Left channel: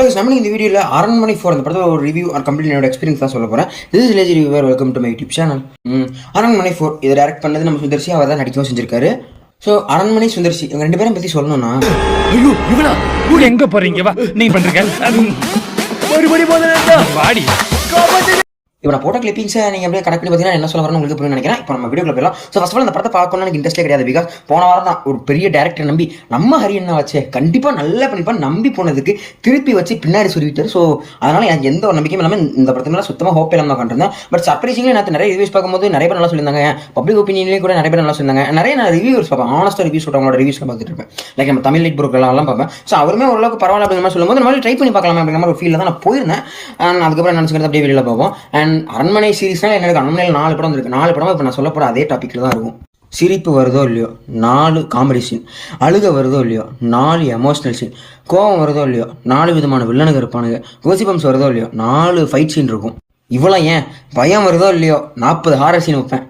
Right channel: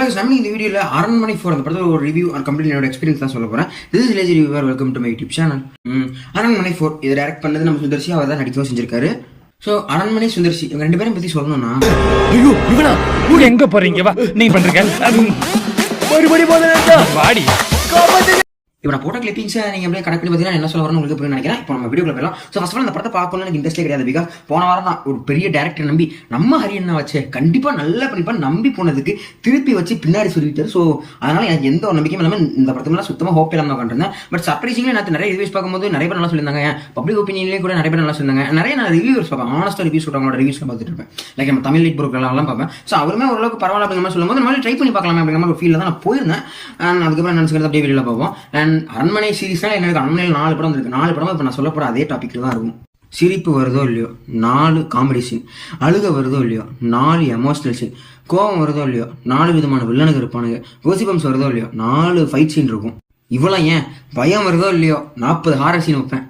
Hello நம்ம இந்த வீடியோவில் அரண்மனை ஃபார் அந்த படத்தில் ஒரு ரிவ்யூ ஆர் கம்ப்ளீட் என்னோட எக்ஸ்பீரியன்ஸ் தான் சொல்ல போகிறேன். This is lazy reviewer. Welcome to my YouTube channel. Aranmanai four இதை டைரக்ட் பண்ணது நம்ம சுந்தர்சி, அவர் தான் நடிக்கவும் செஞ்சிருக்காரு. ஸோ அரண்மனை சுந்தர்சி இவங்க ரெண்டு பேரும் பற்றி சொல்லணும்னா, ஐயோ இவனா ஊர் எங்க போறீங்க? வா நீங்க பண்றீங்க வாடி. இப்போ நான் போட்ட கிளிப்பிங்ஸை நீங்கள் அப்படியே கனெக்ட் பண்ணி பார்த்தீங்கன்னா என்ன சொல்ல வரணும் உங்களுக்கு புரியும் நினைக்கிறேன். இப்போ நம்ம வீடியோக்குள்ள போயிடலாம். ஸோ ஃபர்ஸ்ட் ஆஃப் ஆல் இந்த படத்தை பார்க்கணும்னு எனக்கு இன்ட்ரெஸ்ட்டே கிடையாது. பிகாஸ் போன வாரம் தான் ஒரு பெரிய டேரக்டர் நம்பி நம்ம ஹரியண்ணா வச்சு கண்டிப்பாக நல்லா பண்ணிப்பா நம்பி போனதுக்கு திருப்பி வச்சு பின்னாடி சொல்லிட்டார். ஸோ அதனால எனக்கு எந்த ஒரு நம்பிக்கையும் இல்லாமல் இந்த படத்து மேலே சுத்தமாக ஹோப் இல்லாமல் தான் கண்டிருந்தேன். பட் சர்ப்ரைசிங்காக நான் நிறைய ரிவ்யூஸ் பார்க்கும்போது நிறைய பேர் நல்லா சொல்லியிருந்தாங்க. பப்ளிக் ஒப்பீனியன்லேயும் கூட நிறைய பேர் நல்லா சொல்லியிருந்தாங்க. நிறைய நான் ரிவ்யூஸ் பார்ப்பேன், ஆனஸ்டாக ரிவ்யூஸ் சொல்கிறவங்களோட ரிவ்யூஸ்லாம் பார்த்துட்டு இருப்பேன். லைக் நம்ம தமிழ் லைட் பொருட்கள்லாம் பார்ப்பேன். ஸோ அவருமே ஓரளவுக்கு பரவாயில்ல அப்படிங்கிற மாதிரி சொல்லும்போது நம்ம ட்ரை பண்ணி பார்க்கலாம் அப்படிங்கிற மாதிரி ஒரு ஃபீலில் தான் நான் போயிருந்தேன். அண்ட் அதுக்கப்புறம் நினச்சிக்கிறது அப்படியே வெளியில் பார்ப்போம். அண்ட் அரண்மனை எனக்கு அண்ணன் 4 படம் இருக்கு. 4 படம் இப்போ நான் சொல்ல போற அதே டாபிக்ல தான் இருக்கும். சிரிப்பு வருதோ இல்லையோ 4 காமெடி சீன், அழுக வருதோ இல்லையோ 4 எமோஷனல் சீன், கோவம் வருதோ இல்லையோ 4 விதமான வில்லனுங்க இருப்பானுங்க, கோசிபம்ஸ் வருதோ இல்லையோ 4 ஃபைட் சீன் இருக்கும். இவ்வளோ ஏன் பயம் வருதோ இல்லையோ 40 ஹாரர் சீன் வைப்பேன்.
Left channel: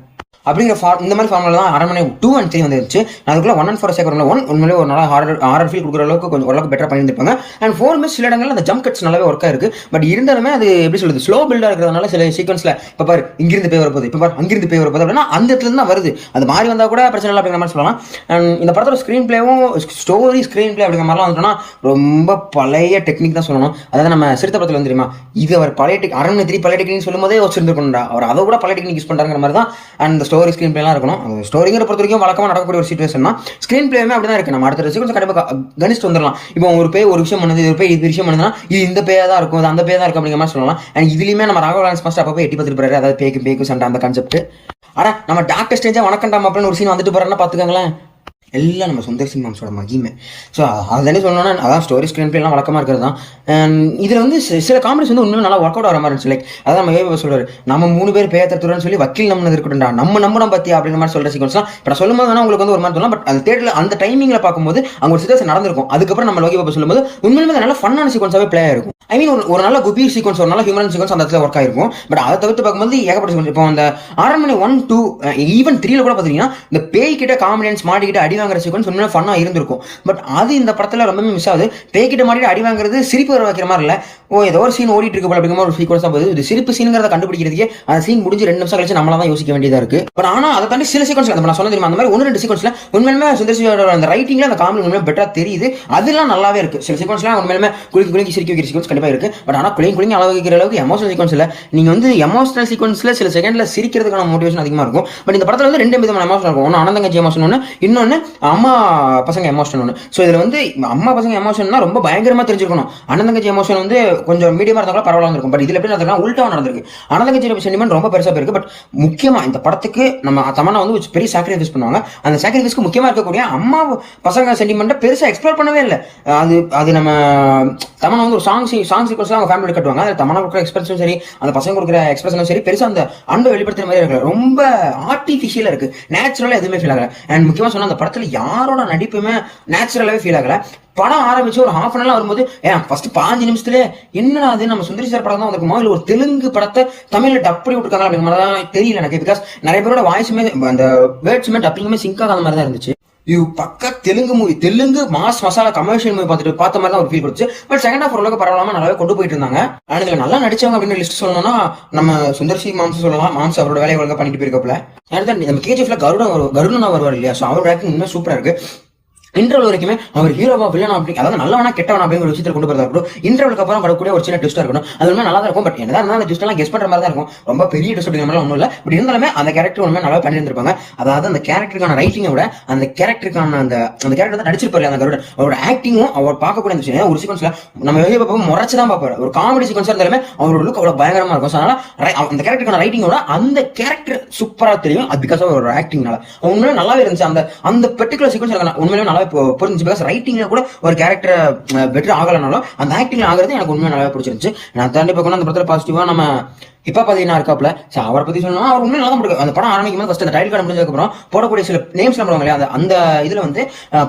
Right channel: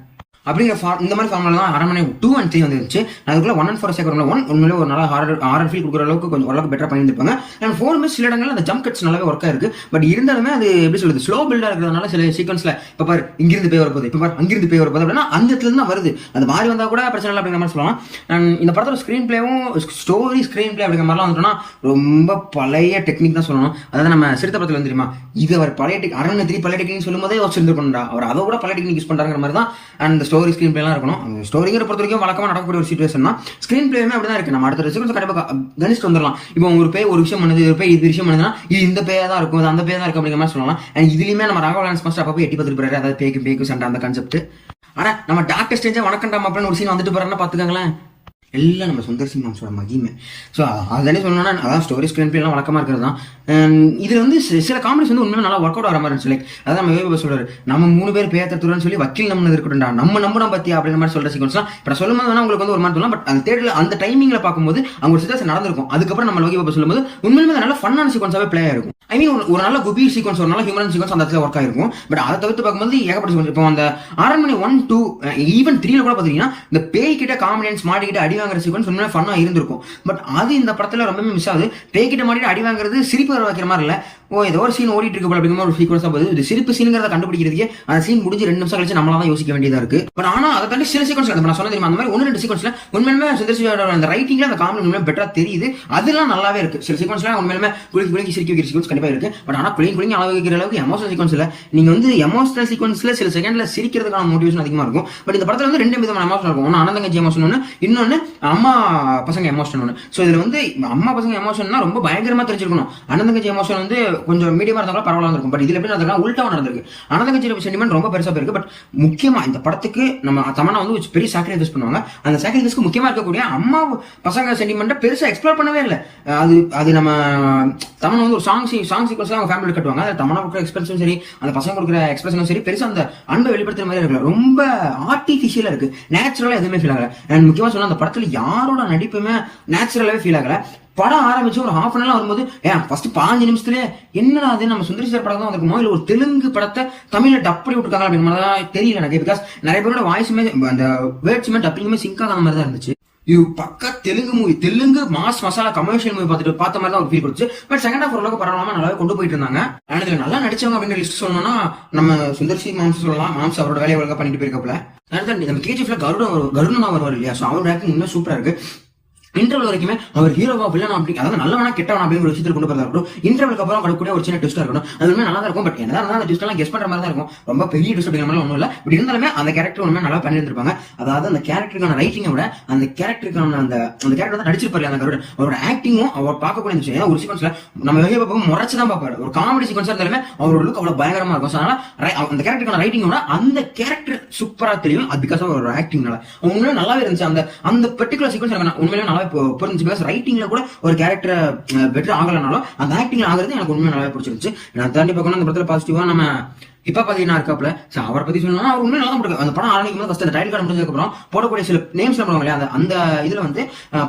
அப்படிங்கிற இந்த மாதிரி ஃபார்முலா தான் அரண்மனை 2 and 3 வந்துருச்சு. அதுக்குள்ள 1 and 4 சேர்க்கணும். 1 உண்மையிலே ஒரு நல்ல ஹாரர் ஃபீல் கொடுக்குற அளவுக்கு கொஞ்சம் ஓரளவுக்கு பெட்டரா பண்ணியிருப்பாங்க. அண்ட் 4 மிஸ் சில இடங்கள்ல அந்த ஜம்ப் கட்ஸ் நல்லாவே ஒர்க்கா இருக்கு. பட் இருந்தாலுமே அது எப்படி சொல்றது, ஸ்லோ பில்டா இருக்கிறதுனால சில சீக்வன்ஸ்ல இப்போ பாரு இங்கிருந்து போய் வரப்போகுது, இப்போ பாரு அங்கிருந்து போய் வரப்போகுது அப்படின்னா அந்த இடத்துல தான் வருது. அது மாறி வந்தா கூட பிரச்சனை இல்லை அப்படிங்கிற மாதிரி சொல்லலாம். அண்ட் இந்த படத்தோட ஸ்க்ரீன் பிளேவும் ஸ்டோரி ஸ்க்ரீன் பிளே அப்படிங்கிற மாதிரிலாம் வந்துட்டோம்னா ரொம்ப பழைய டெக்னிக் தான் சொல்லணும். அதாவது நம்ம சிறுத்த படத்துல வந்து தெரியுமா, இது அவர் பழைய அரண்மனை 3 பழைய டெக்னிக் சொல்லும் போதே வச்சிருந்துருக்கணும்டா, அவர் அதை கூட பழைய டெக்னிக் யூஸ் பண்றாங்கிற மாதிரி தான். அண்ட் ஸ்டோரி ஸ்க்ரீன் பிளேலாம் இருக்கணும். ஸ்டோரிங்கிற பொறுத்த வரைக்கும் வழக்கமா நடக்கக்கூடிய ஒரு சிச்சுவேஷன் தான். ஸ்கிரீன் பிளேயுமே அப்படிதான் இருக்கு. நம்ம அடுத்த சீக்வன்ஸ் கண்டிப்பா கணிச்சு வந்துடலாம். இப்போ ஒரு பேய் ஒரு விஷயம் பண்ணுது, ஒரு பேய் இது விஷயம் பண்ணுதுன்னா இது இந்த பேயா தான் இருக்கும், அது அந்த பேயா தான் இருக்கும் அப்படிங்கிற மாதிரி சொல்லலாம். அண்ட் இதுலயுமே நம்ம ராகவ் லாரன்ஸ் மாஸ்டர் அப்பவே எட்டி பார்த்துட்டு, அதாவது பேய்க்கும் சண்டை அந்த கான்செப்ட். ஆனா நம்ம டாக்டர் ஸ்ட்ரேஞ்சா வணக்கண்டாம் அப்படின்னு ஒரு சீன் வந்துட்டு போறேன்னா பாத்துக்காங்களேன், எல்லாம் நம்ம சுந்தர்சி மாம்ஸோட மகிமை. ஸோ அதானே சொல்லணும்னா அதான் ஸ்டோரி ஸ்க்ரீன் பிளே எல்லாம் வழக்கமாக இருக்கிறது தான். இதில் வந்து சில காமெடிஸ் வந்து உண்மையாக நல்லா ஒர்க் அவுட் ஆகிற மாதிரி இருந்துச்சு. லைக் அதான் நம்ம வேறு சொல்றாரு, நம்ம 3 பேர் பேத்துறதுன்னு சொல்லி வக்கீல் நம்ம இருக்கட்டும்டா, நம்ம பத்தி அப்படிங்கிற மாதிரி சொல்ற சீக்வன்ஸ்லாம் இப்போ சொல்லும் போது வேணா உங்களுக்கு வந்து ஒரு மாதிரி சொல்லலாம். பட் அது தேடல அந்த டைமிங்ல பார்க்கும்போது அங்கே ஒரு சிச்சுவேஷன் நடந்திருக்கும். அதுக்கப்புறம் நம்ம லோகி பாப்பா சொல்லும்போது உண்மையிலுமே நல்ல ஃபன்னான சீக்வன்ஸாவே பிளே ஆயிருக்கும். ஐ மீன் ஒரு நல்ல குபி சீக்வன்ஸ், ஒரு நல்ல ஹியூமன் சீக்வன்ஸ் அந்த இடத்துல ஒர்க் ஆயிருக்கும். பட் அதை தவிர்த்து பார்க்கும்போது ஏகப்பட்ட சீக்வன்ஸ். இப்போ அந்த அரண்மனை 1, 2 ஈவன் 3 கூட பார்த்தீங்கன்னா இந்த பேய் கிட்ட காமெடியன்ஸ் மாட்டிக்கிட்டு அடி வாங்குற சீக்வன்ஸ் உண்மையாக ஃபன்னா இருந்திருக்கும். பட் அது இந்த படத்துல ரொம்பவே மிஸ் ஆகுது. பேய்கிட்ட மாட்டிட்டு அடி வாங்குறது சிரிப்பு வர வைக்கிற மாதிரி இல்ல, ஏதோ ஒரு சீன் ஓடிட்டு இருக்கு அப்படிங்கிற ஒரு சீக்வன்ஸா போகுது. இது சிரிப்பு சீனுங்கிறத கண்டுபிடிக்கிறதுக்கே அந்த சீன் முடிஞ்சு 2 நிமிஷம் கழிச்சு நம்மளா தான் யோசிக்க வேண்டியதா இருக்கு. பட் ஆனா அதை தாண்டி சில சீக்வன்ஸ் நான் சொல்ல தெரியுமா, அந்த மாதிரி 1-2 சீக்வன்ஸ்ல உண்மையிலுமே சுந்தர்சியோட அந்த ரைட்டிங்ல அந்த காமெடி உண்மையிலே பெட்டரா தெரியுது. அதெல்லாம் நல்லாவே இருக்கு. சில சீக்வன்ஸ்ல உண்மையிலுமே குளிக்கி சிரிக்க வைக்கிற சீக்வன்ஸ் கண்டிப்பா இருக்கு. பட் ஆனா குளிங்கி அளவு வைக்கிற அளவுக்கு எமோஷனல் சீக்வன்ஸ் இல்ல. நீங்க வந்து எமோஷனல் சீக்வன்ஸ்ல சில செகண்ட்ல சிரிக்கிறதுக்கான மோட்டிவேஷன் அதிகமா இருக்கும். பட் இந்த படத்துல வந்து 2 விதமான எமோஷன் இருக்கும். ஒன்னு அனந்தங்கச்சி எமோஷன் ஒன்று, இன்னொன்னு அம்மா பசங்க எமோஷன் ஒன்று. ஸோ இதுல வந்து அம்மா பசங்க எமோஷன்னா ரொம்ப பயங்கரமா தெரிஞ்சிருக்கணும். அனந்தங்கச்சி எமோஷன் வந்து கொஞ்சம் மீடியமா இருந்தாலும் பரவாயில்ல இருக்கும். பட் இதுல எப்படி நடந்திருக்கா உள்டா நடந்திருக்கு. அனந்தங்கச்சி சென்டிமெண்ட் ரொம்ப பெருசா போயிருக்கு. பட் முக்கியமா இந்த படத்துக்கு நம்ம தமன்னா வந்து பெரிய சாக்ரிஃபைஸ் பண்ணுவாங்க. அந்த சாக்ரிஃபைஸ்க்கு முக்கியமா இருக்கக்கூடிய அம்மா பசங்க சென்டிமெண்ட்டை பெருசா எக்ஸ்ப்ளோர் பண்ணவே இல்லை. அது நம்ம தமன்னா வந்து ஒரு சாங் சீக்வன்ஸ்ல அவங்க ஃபேமிலி கட்டுவாங்க. அந்த தமன்னா கொடுக்குற எக்ஸ்பிரஷனும் சரி, அந்த பசங்க கொடுக்குற எக்ஸ்பிரஷனும் சரி, பெருசா அந்த அன்பை வெளிப்படுத்துற மாதிரி இருக்கு. ரொம்ப ஆர்டிஃபிஷியலா இருக்கு, நேச்சுரலா எதுவுமே ஃபீல் ஆகல. அண்ட் முக்கியமா சொன்னா அந்த படத்துல யாரோட நடிப்புமே நேச்சுரலாவே ஃபீல் ஆகல. படம் ஆரம்பிச்சு ஒரு ஹாஃப் அன் ஹவர் வரும்போது ஃபர்ஸ்ட் 5 நிமிஷத்துல என்னடா அது நம்ம சுந்தரி சார் படம் தான் அதுக்கு முதல்ல ஒரு தெலுங்கு படத்தை தமிழ்ல டப்படி விட்டுருக்காங்க அப்படிங்கிற மாதிரி தான் தெரியல எனக்கு. பிகாஸ் நிறைய பேரோட வாய்ஸுமே அந்த வேர்ட்ஸுமே டப்பிங்குமே சிங்க் ஆகாத மாதிரி தான் இருந்துச்சு. பக்கா Telugu movie, Telugu mass masala commercial movie பார்த்த மாதிரி தான் ஒரு ஃபீல் கொடுத்து. பட் செகண்ட் ஹாஃப் ஓரளவுக்கு பரவாயில்லாம நல்லாவே கொண்டு போயிட்டு இருந்தாங்க. அண்ட் இதுல நல்லா நடிச்சவங்க அப்படின்னு லிஸ்ட் சொல்லணும்னா நம்ம சுந்தர்சி மாம்ஸ் சொல்லலாம். மாம்ஸ் அவரோட வேலையை ஒழுங்கா பண்ணிட்டு போயிருக்கப்புல நம்ம கேஜிஎஃப்ல கருடனா வருவார் இல்லையா, ஸோ அவர் ஆக்டிங் உண்மையாக சூப்பரா இருக்கு. இன்டர்வல் வரைக்குமே அவர் ஹீரோவா வில்லனா அப்படி, அதாவது நல்லவனா கெட்டவனா அப்படிங்கிற ஒரு விஷயத்தை கொண்டு போறதா இருக்கட்டும். இன்டர்வலுக்கு அப்புறம் வரக்கூடிய ஒரு சின்ன ட்விஸ்டா இருக்கணும். அது நல்லா தான் இருக்கும். பட் என்னதான் அந்த ட்விஸ்ட் எல்லாம் கெஸ் பண்ற மாதிரி தான் இருக்கும். ரொம்ப பெரிய ட்விஸ்ட் அப்படிங்கிற மாதிரி ஒன்றும் இல்லை. பட் இருந்தாலுமே அந்த கேரக்டர் ஒன்றுமே நல்லா பண்ணியிருந்திருப்பாங்க. அதாவது அந்த கேரக்டருக்கான ரைட்டிங்கை விட அந்த கேரக்டருக்கான அந்த கேரக்டர் வந்து நடிச்சிருப்பாரு அந்த கருடன். அவரோட ஆக்டிங்கும் அவர் பார்க்கக்கூடிய விஷயம் ஒரு சீக்வன்ஸ்ல நம்ம வெளியே பார்ப்போம் முறைச்சுதான் பார்ப்பாரு. ஒரு காமெடி சீக்வன்ஸா இருந்தாலுமே அவரோட லுக் அவ்வளவு பயங்கரமா இருக்கும். அதனால அந்த கேரக்டருக்கான ரைட்டிங்கோட அந்த கேரக்டர் சூப்பரா தெரியும். அது பிகாஸ் அவரோட ஆக்டிங்னால உண்மையிலே நல்லாவே இருந்துச்சு. அந்த பர்டிகுலர் சீக்வன்ஸ் உண்மையிலே நல்லாவே புரிஞ்சு. ரைட்டிங்ல கூட ஒரு கேரக்டர் பெட்டர் ஆகலனாலும் அந்த ஆக்டிங்ல ஆகிறது எனக்கு உண்மையாக நல்லா பிடிச்சிருந்துச்சு. நான் தாண்டி பார்க்கணும் அந்த படத்துல பாசிட்டிவா நம்ம இப்ப பாத்தீங்கன்னா இருக்காப்ல அவரை பத்தி சொல்லணும்னா அவர் உண்மையில நல்லா போட்டு அந்த படம் ஆரம்பிக்கும் போது அந்த டைட்டில் கார்டு முடிஞ்சதுக்கு அப்புறம் போடக்கூடிய சில நேம்ஸ் போடுவாங்க இல்லையா, அந்த இதுல வந்து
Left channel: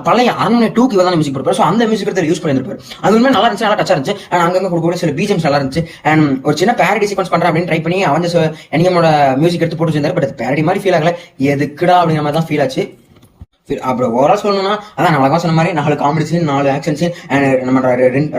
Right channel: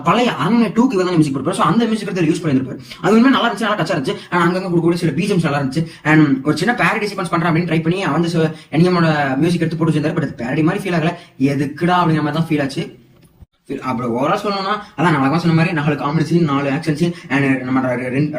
பழைய அரண்மனை 2க்கு இவர் தான் மியூசிக் கொடுப்பாரு. ஸோ அந்த மியூசிக் எடுத்து யூஸ் பண்ணிருப்பாரு. அது உண்மையாக நல்லா இருந்துச்சு, நல்லா டச்சா இருந்துச்சு. அங்கங்க கொடுக்கக்கூடிய சில பிஜிஎம்ஸ் நல்லா இருந்துச்சு. அண்ட் ஒரு சின்ன பேரடி சீக்வன்ஸ் பண்றேன் அப்படின்னு ட்ரை பண்ணி அவன் எனிகமோட மியூசிக் எடுத்து போட்டு வச்சிருந்தாரு. பட் அது பேரடி மாதிரி ஃபீல் ஆகல, எதுக்குடா அப்படிங்கிற மாதிரி தான் ஃபீல் ஆச்சு. அப்புறம் ஓவரா சொல்லணும்னா அதான் நான் சொன்ன மாதிரி 4 காமெடிஸ் 4 ஆக்ஷன்ஸ் அண்ட் நம்ம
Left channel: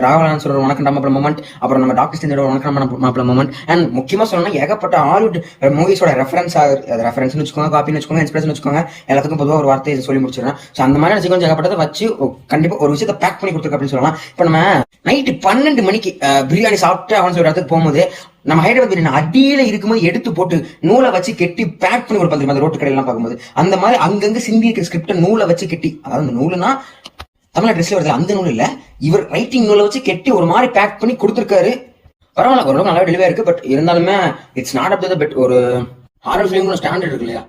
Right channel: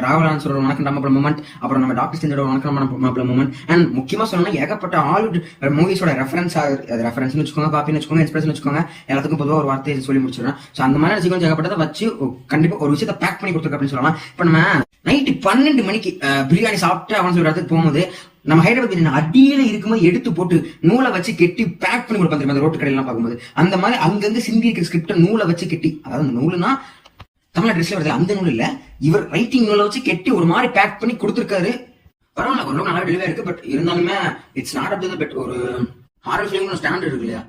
ராவலான் சொல்ற உனக்கு நம்ம மொமெண்ட், அப்புறம் நம்ம டாக்டர் ஸ்ட்ரேஞ்சோட உனக்கு நம்ம மொமெண்ட், அண்ட் முக்கியமா சொல்லணும்னா ஏகப்பட்ட ஹாலிவுட் மூவிஸோட ரெஃபரன்ஸ்னு வச்சுக்கோங்க, காப்பின்னு வச்சுக்கோங்க, இன்ஸ்பிரேஷன் வச்சுக்கோங்க, எல்லாத்துக்கும் பொதுவாக ஒரு வார்த்தையை சொல்லி முடிச்சிடறேன். ஸோ அந்த மாதிரி சீக்கிரம் ஏகப்பட்டதை வச்சு கண்டிப்பா ஒரு விஷயத்தை பேக் பண்ணி கொடுத்துருக்கு அப்படின்னு சொல்லலாம். இப்போ நம்ம நைட்டு 12 மணிக்கு பிரியாணி சாப்பிட்டு அவன் சொல்ற இடத்துக்கு போகும்போது நம்ம ஹைதராபாத் பிரியாணி அடியில இருக்கும்போது எடுத்து போட்டு நூலை வச்சு கெட்டி பேக் பண்ணி கொடுப்பாங்க அந்த ரோட்டு கடையெல்லாம் பார்க்கும்போது. அந்த மாதிரி அங்கங்க சிந்தி இருக்கிற ஸ்கிரிப்ட் நூலை வச்சு கெட்டி, அதாவது அந்த நூலுனா தமிழ் ட்ரெஸ்ல வருது அந்த நூல் இல்ல, இவர் ரைட்டிங் நூலை வச்சு கெட்டி ஒரு மாதிரி பேக் பண்ணி கொடுத்துருக்காரு. பரவாயில்ல, ஓரளவுக்கு நல்லா டெலிவரி இருக்கு. பட் இருந்தாலுமே it's not up to the bet. ஒரு ஹாரர் ஃபிலிம் ஸ்டாண்டர்ட் இருக்கு இல்லையா?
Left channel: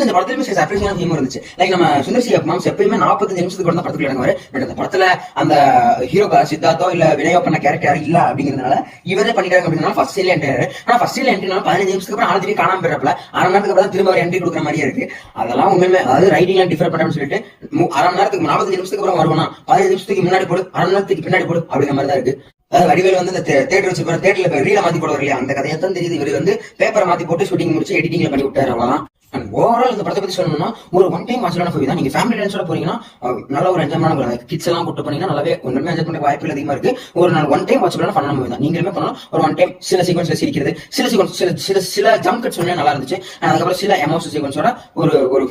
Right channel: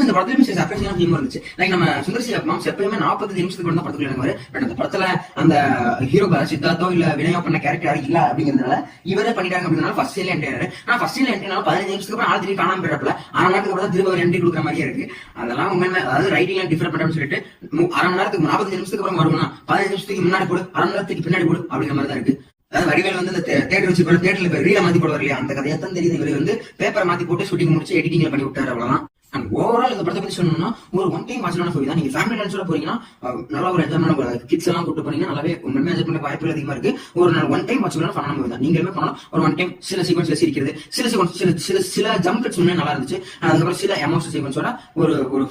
இந்த படத்துலயுமே சர்ப்ரைஸான தீம் இருந்துச்சு. லைக் நம்ம சுந்தர்சி மாம்ஸ் எப்பயுமே 45 நிமிஷத்துக்கு கூட தான் படத்துக்குள்ள இறங்குவாரு. பட் அந்த படத்துல அந்த ஹீரோ சித்தார்த்தோ இல்ல வினயோ பண்ண கேரக்டர் இல்ல அப்படிங்கிறதுனால இவரே பண்ணிட்டாங்க அப்படின்னா ஃபர்ஸ்ட் சீன்ல என்ட்ரி. ஆனா ஃபர்ஸ்ட் சீன்ல என்ட்ரினால 15 நிமிஷத்துக்கு அப்புறம் ஆள் திரும்பி காணாம போயிடப்பல, 1/2 மணி நேரத்துக்கு அப்புறம் திரும்ப என்ட்ரி கொடுக்குற மாதிரியே இருக்கு. அதெல்லாம் உண்மையுமே அதாவது ரைட்டிங் எல்லாம் டிஃபர் பண்ணணும்னு சொல்லிட்டு 1/2 மணி நேரத்துக்கு 45 நிமிஷத்துக்கு அப்புறம் வருவானா 15 நிமிஷத்துக்கு முன்னாடி போடு, 1/2 மணி நேரத்துக்கு பின்னாடி போடு அப்படிங்கிற மாதிரி தான் இருக்கு. அதாவது வடிவேல் வந்து இந்த தேட்டர் வச்சு தேட்டர்ல ரீல மாத்தி போடுவார் இல்லையா, அந்த கதையை தான் தெரியுது. இவர் வந்து பேப்பரை மாத்தி போட்டு ஷூட்டிங் முடிச்சு எடிட்டிங்ல பண்ணி விட்டாரு, அவ்வளவுதான். அண்ட் ஓவரால் இந்த படத்தை பத்தி சொல்லணும்னா ஒரு ஒன் டைம் வாட்ச்லான மூவி தான். நீங்க ஃபேமிலி டான்ஸோட போறீங்கன்னா நல்ல ஒரு என்ஜாய்மெண்ட், கிட்ஸ் எல்லாம் கூட்டு போனீங்கன்னா நல்லாவே உண்மையுமே என்ஜாய் பண்ண வாய்ப்புகள் அதிகமா இருக்கு. ஒரு நாள் ஒன் டைம் வாட்ச்லான பண்ண மூவி தான். நீங்களுமே பண்ணலாம். ஒரு ஒன் டைம் சில சீக்வன்ஸ்ல சிரிக்கிறது, சில ஜம்ப் கட்ஸ் நல்லா இருந்துச்சு. அதுக்கப்புறம் சில எமோஷனல் சீக்வன்ஸோட ஒரு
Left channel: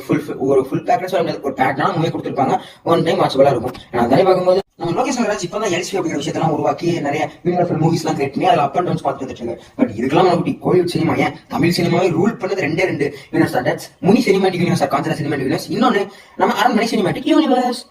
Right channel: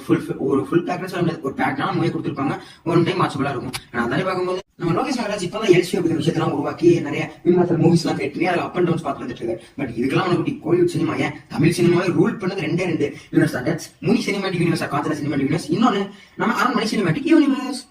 ஃபுல் பேக்கேஜ் ஒரு பேக்னா மூவி கொடுத்துருப்பாங்க. ஒன் டைம் வாட்சபிளா இருக்கும். அதே பார்க்கும்போது நம்ம லோகேஷ் நாகராஜ் இப்பதான் எல்சி அப்படிங்கிற விஷயத்தெல்லாம் உருவாக்கி நிறைய யூனிவர்சல் மூவிஸ் எல்லாம் கிரியேட் பண்ணி அதில் அப் அண்ட் டவுன்ஸ் பார்த்து வந்துட்டு இருக்காங்க. பட் இதுக்கெல்லாம் நமக்கு கோலிவுட் சினிமா ஏன் தமிழ் சினிமாவை ரூல் பண்ணது 2 யூனிவர்ஸ் தான். Muni cinematic universe, Kanchana cinematic universe, இன்னொன்னு நம்ம அரண்மனை சினிமாட்டிக் யூனிவர்ஸ்.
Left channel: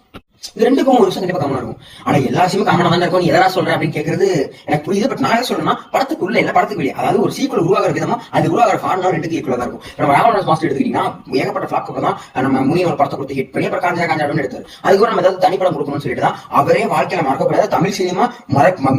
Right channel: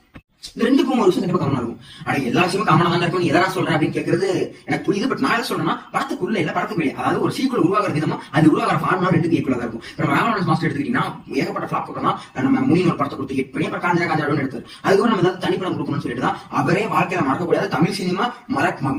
இது ரெண்டுக்கும் ஒரு விஷயம் கண்டிப்பா காமனா இருக்கும். ஆனா எல்லா விஷயமும் காமனா தான் இருக்கும். எதனா சொல்றேன் அப்படின்னு கேட்கறது எனக்கு புரியுது. பட் நான் சொல்றேன்னா படத்துக்குள்ள இல்ல படத்துக்கு வெளியே, அதாவது ஒரு சீக்குவல் உருவாகிற விதமா அது உருவாகிற ஃபார்முலா 2க்கு ஈக்குவலா தான் இருக்கும். இப்போ ராவணன் மாஸ்டர் எடுத்துக்கிட்டீங்கன்னா ஏகப்பட்ட ஃபிளாப் தான் நம்ம முனி ஒரு படத்தை கொடுத்து ஹிட் பண்ணி அப்புறம் காஞ்சாடன்னு எடுத்தாரு. அதுக்கு நம்ம ஏதாவது தனிப்படம் கொடுக்கணும்னு சொல்லிட்டு தான் அவரே வாழ்க்கையில மறக்கக்கூடாது தமிழ் சினிமா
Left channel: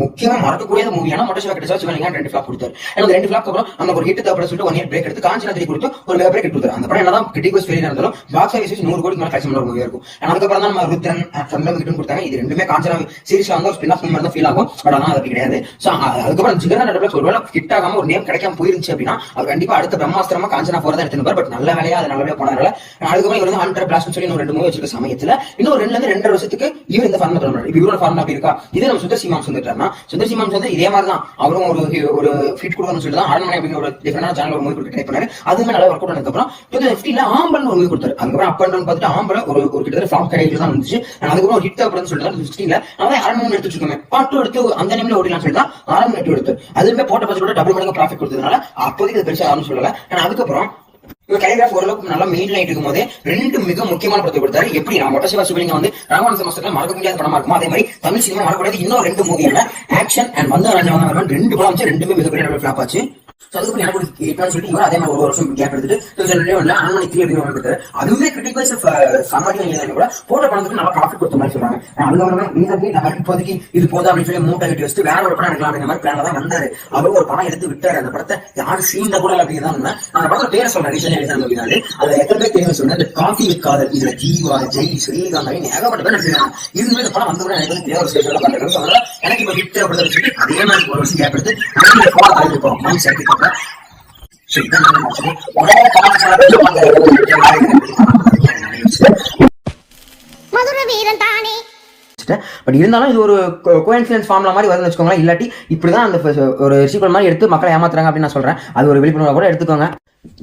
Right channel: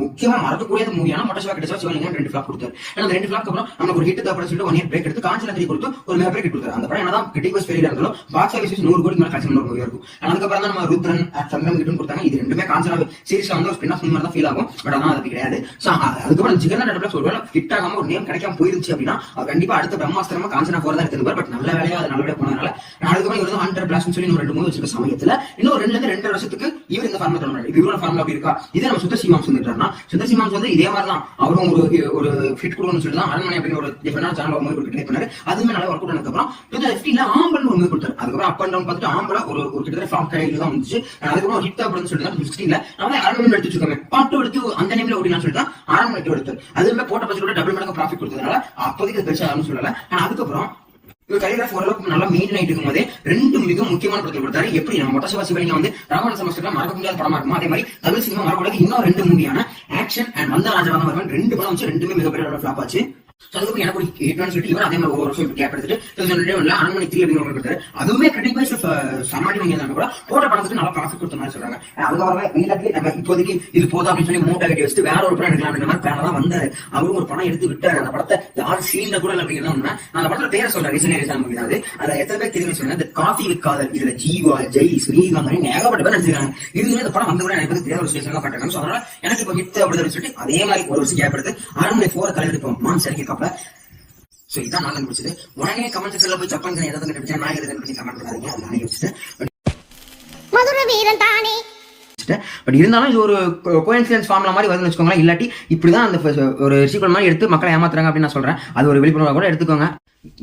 முக்கியமா மறக்கக்கூடிய மூவியான மொட்டை கிட்ட சிவலிங்க 2 ஃபிளாப் கொடுத்தாரு. அந்த 2 ஃபிளாப் அப்புறம் நமக்கு ஒரு ஹிட் தேவைப்பட சொல்லிட்டு 1 இயர் பிரேக் எடுத்து காஞ்சனா 3 கொடுத்து ஒரு மிக பிரேக் கொடுத்தாரு. அந்த படம் என்னதான் கிரிட்டிக்கல் ஃபெயிலியர் இருந்தாலும் பாக்ஸ் ஆஃபீஸ் 100 கோடி மேல கலெக்ஷன் மூவியா இருக்கும். அதுக்கப்புறம் தான் நம்ம ருத்ரன் சந்திரன் இது ரெண்டுமே காஞ்சனா சீரிஸ்ல வந்து ஸ்பின் ஆஃப் மாதிரி தான் ஃபீல் ஆகும். பட் ஆனா அது கிடையாது. சோ அதுக்கப்புறம் ஜிகர்தண்டா நெட்ஃபிளிக்ஸ் ஒருவேளை ஹிட் ஆகாம ஒரு நேம் கிடைக்காம போயிருந்துச்சு அப்படின்னா அவர் கண்டிப்பா அடுத்த பிரம்மாஸ்திரமா காஞ்சனா 4 தான் எடுத்துருப்பார். பட் நல்ல வேலையா அது நல்லபடியா போனதால அதுக்கப்புறம் இவர் வந்து 100 பிளாஸ்ட் சொல்லி இன்னும் 2 மூவி வச்சிருக்க சமயத்துல இன்னும் 2 இருந்து 2.5 வருஷத்துக்கு இவர் இந்த ஃபார்முலா தொடர்றாரு. இப்ப இவரோட ஃபார்முலா அப்படி இருக்கா? இதே நம்ம சுந்தர் சிமாம்ஸ் வந்துட்டாருன்னா சுந்தர் சிமாம்ஸ் வந்து இதே மாதிரி தான் அவரும் ஒரு ஃபிட் கொடுக்கணும்னு சொல்லிட்டு தான் அரண்மனை அப்படிங்கிற ஒரு டிஃபரெண்டான சேனல் ஒரு மூவி கொடுக்க ட்ரை பண்ணாரு. அதுவுமே நல்லா ஒர்க் அவுட் ஆனதுக்கப்புறம் 2015 ஆம்பல் ஒரு மூவி கொடுத்தாரு. அதுக்கப்புறம் அப் அண்ட் டவுன் பார்த்துட்டு ஆம்பல ஒரு கிட்டத்தட்ட ஃபிளாப் கிடையில தான் வந்துச்சு. அதுக்கப்புறம் ஹிட் தேவைப்படுன்னு சொல்லிட்டு 2016 அரண்மனை எடுத்து வச்சிருக்கோமே பாட்டு எடுத்து அந்த நேம்ல ஓடிலாம் சொல்லிட்டு அரண்மனை எடுத்து அதுவுமே போட்ட பட்ஜெட்டோட டபுள் மடங்கு ப்ராஃபிட் கொடுத்ததுனால அப்போதைக்கு அது பெருசா யாரும் சொல்லல. ஆனா அதுக்கப்புறம் கலிகிராஃப் ஓரளவுக்கு நல்லா மெயின் ஆயிட்டு இருக்கும் போதே 2 மிக முக்கியமான படத்தை கொடுத்தாரு. எப்படி நம்ம மொட்டை சிவலிங்கம் வந்து ராவண சமஸ்தத்துல மறக்க முடியாத படமா இருக்குமோ அதே மாதிரி தமிழ் சினிமா மறக்கக்கூடாது இன்னும் 2 மூவியான ஆக்ஷன் அண்ட் வந்த ராஜாவான் 2 படம் வந்து 2மே மிகப்பெரிய ஃபிளாப் ஆச்சு. அதுக்கு எனக்கு ஹிட்னு சொல்லிட்டு இவர் அதே மாதிரி ஒரு வருஷம் கேப் எடுத்துட்டு 2021 அரண்மனை 3 அப்படின்னு கொடுத்தாரு. அதுவுமே கிரிட்டிக் சமாளி வாங்கியதாலும் கூட போட்ட படத்துக்கு நல்லா ப்ராஃபிட் கொடுத்த மாதிரி சொல்றாங்க. அதுக்கப்புறமா மீனாக்கி நம்ம இப்போதைக்கு இது போதும் அப்படின்னு சொல்லி மூட்டை கட்டி வச்சுட்டு வேற ஒரு படம் எடுக்கலாம் அப்படிங்கிற மாதிரி பிளான் தான் வந்தாரு. அவரும் ஒரு படம் எடுத்து விட்டாரு. அந்த படத்தை யாரும் சீன்ல கூட அப்படிங்கிறதா உண்மை. அந்த படத்துல பேரை சொல்றாரு. அதுல எத்தனை பேர் தெரியும் சொன்னா காஃபி காதல், இதுல ஜீவா, ஜெய், ஸ்ரீகாந்த் ஏகப்பட்ட பேர் நடிச்சிருக்காங்க. இதுவே இந்த படம் வந்து கூட எனக்கு ஒரு ஸ்டேஜ் பண்றாங்க. அதனால எனக்கு இப்போ ஹிட் தேவைப்படுதுன்னு சொல்லி அதே மாதிரி ஒரு வருஷம் கேப் எடுத்து நாங்கள் போட தள்ளிருப்போம் மாம் சேர்த்து பார்ப்பேன். மதுரை வீரன் தானே. பட் இருந்தாலும் இது ஒரு கோஇன்சிடென்ஸ் ஃபார்முலா மாதிரி வருதுன்னு வச்சுக்கோங்களேன். இல்லாட்டி இப்படிதான் அந்த ஒரு சீக்வல் மாதிரி எடுத்து மக்களை ஏமாத்துறாங்க அப்படின்னு நான் சொல்றேன். அது ஒரு விழிப்புணர்வு கூட எடுத்துக்கோங்க.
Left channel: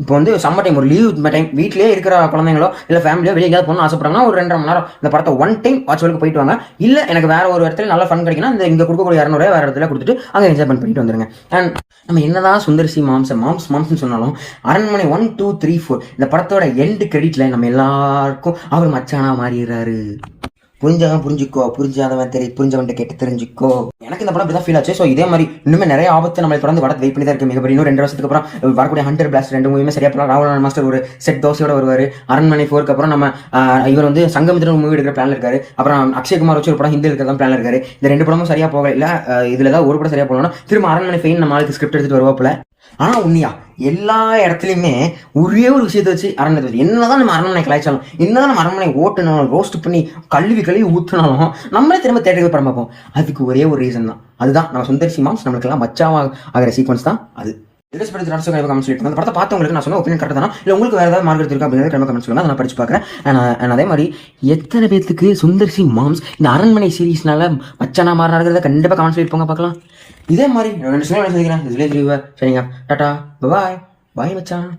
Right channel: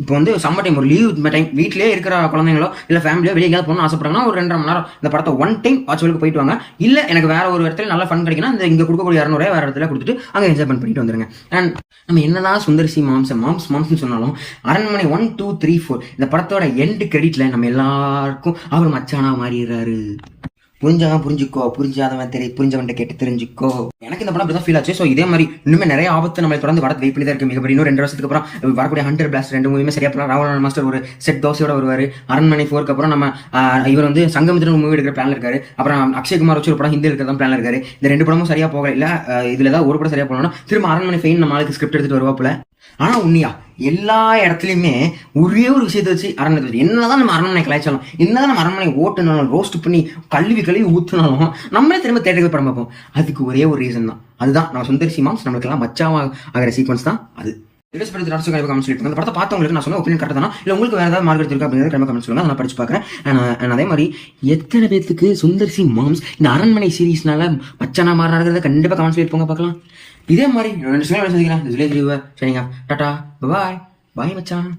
இப்போ வந்து சம்மர் டைம் ஒரு லீவ் டைம் வீட்லயே இருக்கிற குழந்தைங்களோ இல்ல ஃபேமிலியோ வெளியே எங்கேயாவது போகணும்னு ஆசைப்படுறாங்கன்னா ஒரு 2.5 மணி நேரம் இந்த படத்தை ஒன் டைம் வாட்ச்வலுக்கு போயிட்டு வாங்க. இல்ல எனக்கு வேற ஒரு இடத்துல நல்லா ஃபன் கிடைக்குன்னா இந்த இங்க கொடுக்கக்கூடிய 200 வேற இடத்துல கொடுத்துட்டு அங்கே என்ஜாய் பண்ணிட்டு வந்துருங்க. அண்ட் நம்ம என்னதான் சுந்தர்சி மாம்ஸ் சொன்னாலும் அரண்மனை 1, 2, 3, 4 இந்த படத்தோட எண்டு கிரெடிட்ல நம்ம எல்லாருக்கும் அவர் மச்சானா மாறிடுறாரு. புரிஞ்சவன் புரிஞ்சுக்கோ, புரிஞ்சாதவன் புரிஞ்சவன் கேட்டு தெரிஞ்சுக்கோ. எனக்கு இந்த படம் அப்படிதான் ஃபீல் ஆச்சு. ஸோ இதே மாதிரி இன்னுமே நிறைய ஆபத்து நம்ம தொடர்ந்து வரது வெயிட் பண்ணி தான் இருக்கு. மிகப்பெரிய இன்னும் 2 வருஷத்துக்கு அப்புறம் வரக்கூடிய 100 பிளாஸ்ட் 2 மூவியுமே சரியா போகலாம். ராவணன் மாஸ்டர் ஒரு செட் தோசையோட வருவாரு. அரண்மனை 4க்கு அப்புறம் நம்ம இவர் வந்து சங்கமித்திரன் மூவி எடுக்கிற பிளான் இருக்காரு. அப்புறம் அக்ஷய்குமார் வச்சு ஒரு படம் ஹிந்தி இருக்கிறதா பிளான் இருக்காரு. இந்த 2 படமும் சரியா போகல. இல்ல இதுல ஏதாவது ஒரு படம் சரியா போகலாம். திரும்ப அரண்மனை ஃபெயின் நம்ம ஆளுக்கு ஸ்கிரிப்ட் எடுத்துட்டு வருவாப்புல. ஆனா உண்மையா எல்லா இடத்துலயுமே ஒரே ஒரு விஷயத்த வச்சு அரண்மனை என்னதான் நம்ம அரண்மனை கலாய்ச்சாலும் என்னதான் நம்ம அரண்மனை ஓட்டணும் ரோஸ்ட் பண்ணி கழுவி ஊற்றினாலும் நம்மளே திரும்ப தேட்டருக்கு படம் பார்ப்போம். அதுக்கு ஒரே ஒரு ரீசன் தான். அதுதான் நம்ம சுந்தர் சி மாம்ஸ் நம்மளுக்கு எல்லாம் மச்சாவா ஆகிற சீக்வன்ஸ் தான் அது. ட்ரெஸ் பற்றி கண்டிப்பாக கமெண்ட் சொல்லிட்டு அந்த படத்தை பார்த்தவங்களுக்கு நான் சொல்ல ஒப்பீனியன் கரெக்ட் தானா இல்லை உங்களுக்கு வேறு ஏதாவது மார்க்கெட் இருக்கா அப்படிங்கிறத கண்டிப்பாக கமெண்ட் சொல்லுங்க, அதை நான் படிச்சு பார்க்குறேன். நான் அதே மாதிரி எத்தனை பேத்துக்கு சுந்தர் சி மாம்ஸ் இந்த அரண்மனை சீரீஸ்னால மச்சானா மாறினாங்கிறத கண்டிப்பாக கமெண்ட் சொல்லிட்டு போங்க பார்க்கலாம். இதே மாதிரி 2 சில சந்திக்கிறேன். சரிங்க, டாடா பாய் பாய் மச்சான்.